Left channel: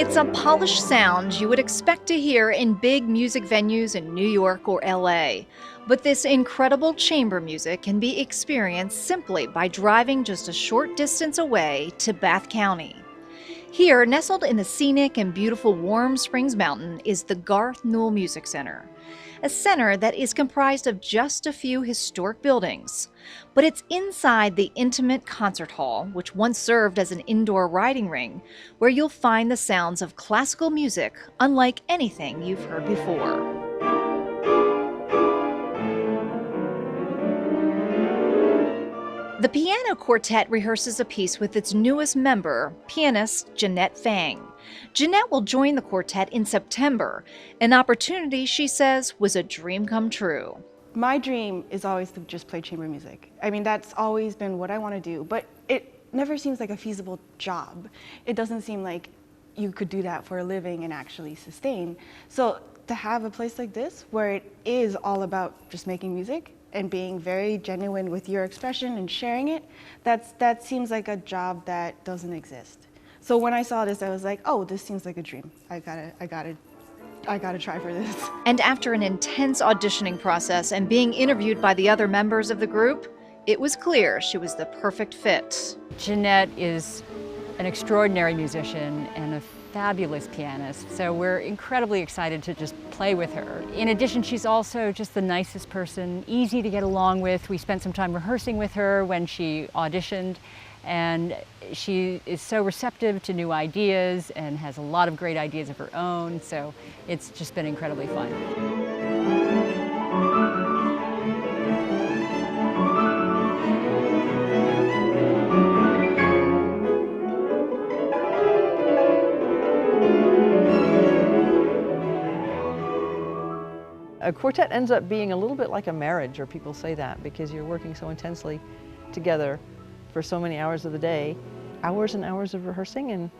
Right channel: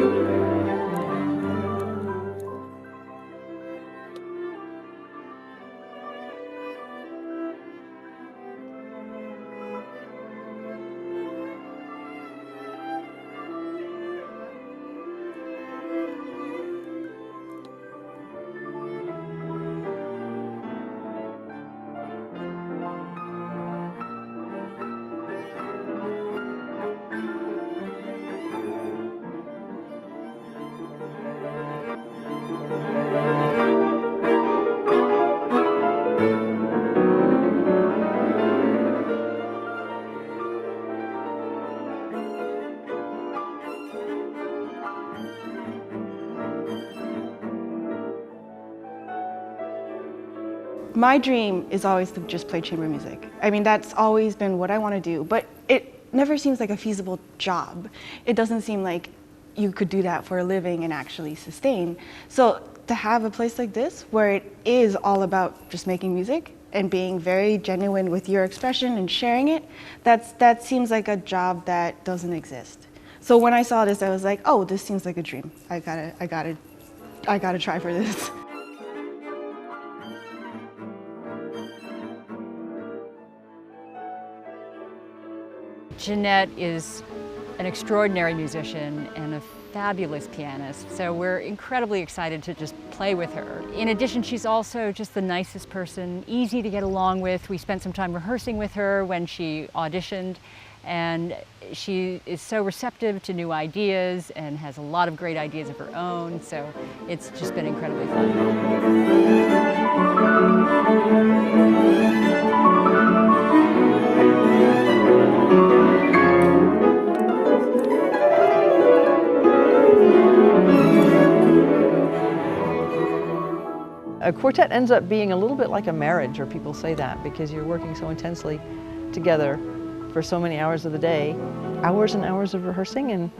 It's a polished sound you would expect to hear in big music venues in New York or LA. But this incredible chamber music can be experienced simply by driving just a short distance away to Bath County. Here, nestled in the scenic and beautiful Warm Springs Mountain, is the Garth Newell Music Center, a center that is comprised of just a few historic buildings. But it's inside the intimate concert hall, which once served as an indoor riding ring, where you'll find the sounds of classical music unlike anything you've heard before. The piano quartet rehearses a piece with its newest member, pianist Jeanette Fang. Jeanette will join the quartet in September, an opportunity she says was a dream come true. My dream is always to just play chamber music. I mean, that's always been what I want to do, but it never seems like a feasible job. It doesn't seem like you could do that for a living and actually sustain. So to have a place like this where it is all about just making music and being very genuine with your expression and sharing it, that seems like a job that doesn't exist. So when I saw this, I was like, oh, this seems like a dream. I gotta try for this. And after an intense auditioning process and being interviewed by the other members of the group, it was clear she was the perfect fit. Jeanette is an extraordinary musician and a fabulous pianist, so we're incredibly excited to just play with her. In addition, she's also just the nicest person, easy to get along with. We spent some time rehearsing with her when she auditioned, and she is so receptive to new ideas and has a lot of great ideas of her own, so it's just been incredibly fun. A quartet ends up being a little bit like a marriage, or people say that, because you're working so intensely together for so many hours of the day, hours and hours of rehearsing and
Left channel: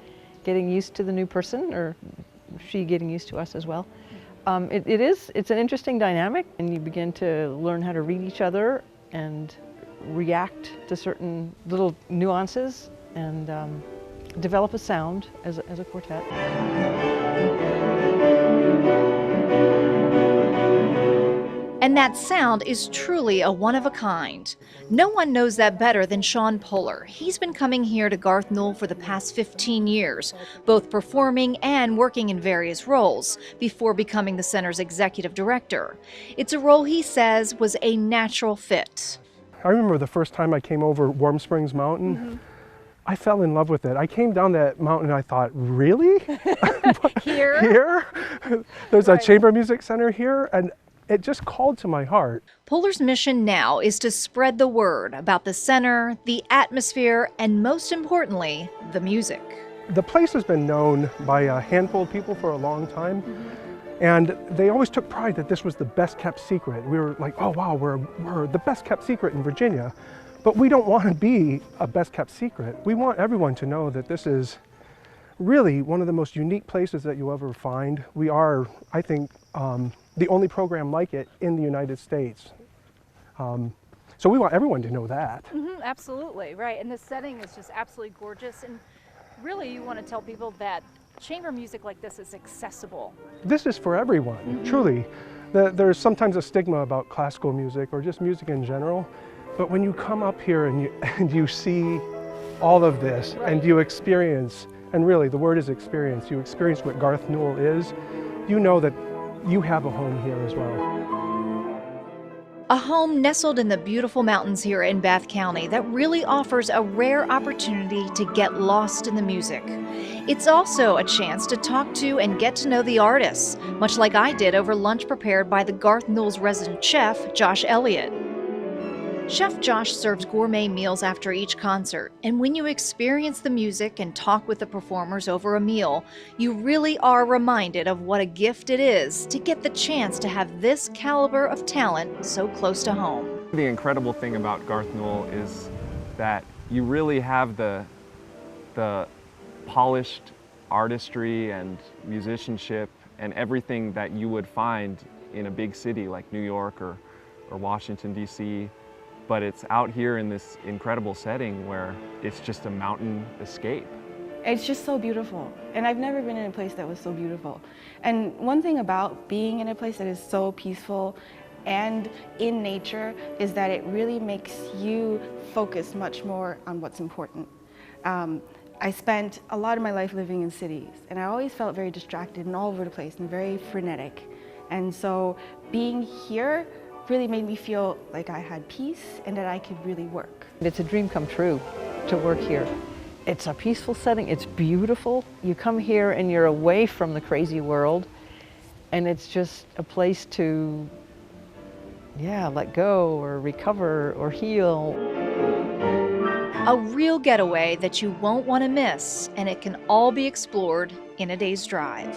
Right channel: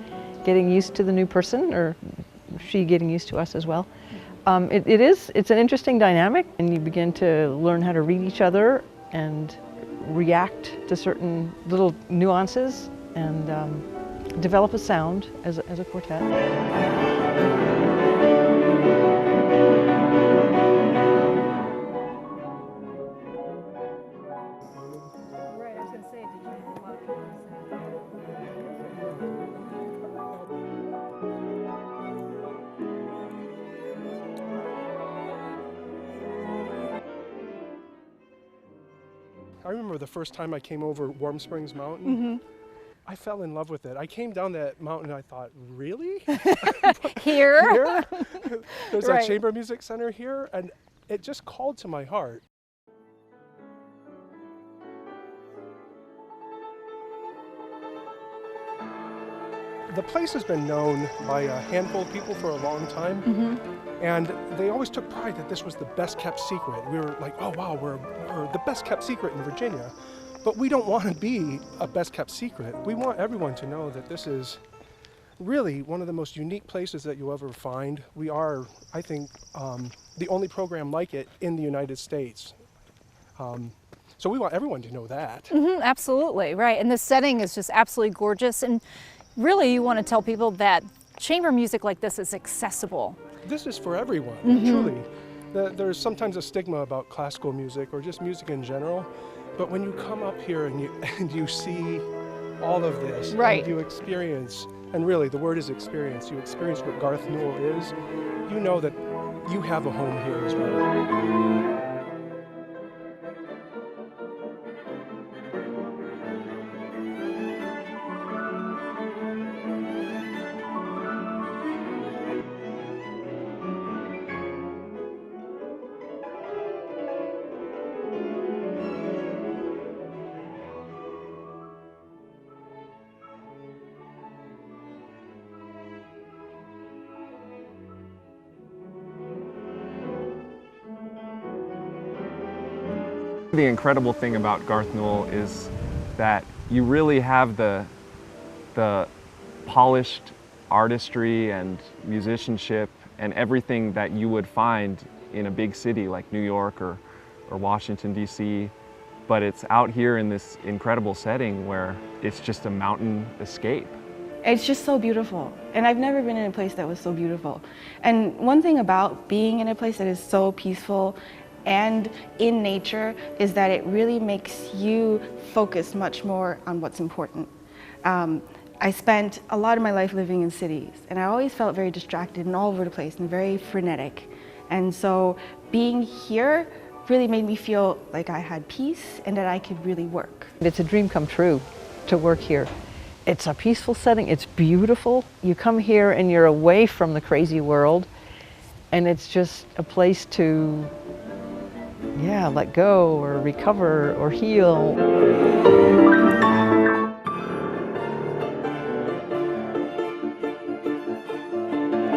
getting used to the new person, or she getting used to us as well. It's an interesting dynamic, and you begin to learn how to read each other and react to certain little nuances and develop a sound as a quartet. And that sound is truly a one-of-a-kind. No one knows that better than Sean Poehler. He's been coming here to Garth Newell for the past 15 years, both performing and working in various roles, before becoming the center's executive director. It's a role he says was a natural fit. I remember the first time I came over Warm Springs Mountain, I fell in love with it. I came down that mountain and I thought, really? Here? Here? There's a chamber music center here? And it just called to my heart. Poehler's mission now is to spread the word about the center, the atmosphere, and most importantly, the music. The place has been known by a handful of people for a long time, and they always took pride that this was the best kept secret. We were like, oh wow, we're the best kept secret in Virginia. But we don't want to be a best kept secret. We want everyone to know that this is really one of the most unique places that you'll ever find. We are, I think, the only program like it in the United States. So we want everyone to know that. Absolutely, right. And the setting is just absolutely gorgeous. And really, you want to tell people that chamber music like this is accessible. This is for everyone, truly. There's sometimes a stigma about classical music or just music in general. But when you come up here and you see all of this, and you experience, and really the word is experience, you experience what Garth Newell is, you know that you have a home here as well. A home nestled in the beautiful mountains here in Bath County that really offers a rare opportunity to get lost in the music. It's also a chance to talk to and get to know the artists, much like I did over lunch prepared by the Garth Newell's resident chef, Josh Elliott. Chef Josh serves gourmet meals after each concert, and when you experience the music and talk with the performers over a meal, you really are reminded of what a gift it is to get the chance to have this caliber of talent so close to home. The incredible thing about Garth Newell is that you really have the polished artistry and musicianship and everything that you would find in a big city like New York or Washington, D.C., but it's out here in this incredible setting where it's just a mountain escape. It's just so beautiful. And I've never been in a place that was so beautiful. And one thing about being in a place that is so peaceful and in nature is that it really makes you focus much more on what's important. I spent a lot of my life living in cities, and I always felt very distracted and all over the place and very frenetic. And so being here really made me feel like I had peace and that I could really work. It's a dream come true to work here. It's a peaceful setting, it's beautiful. You come here and you're away from the crazy world, and it's just a place to, let go or recover or heal. A real getaway that you won't want to miss, and it can all be explored in a day's drive.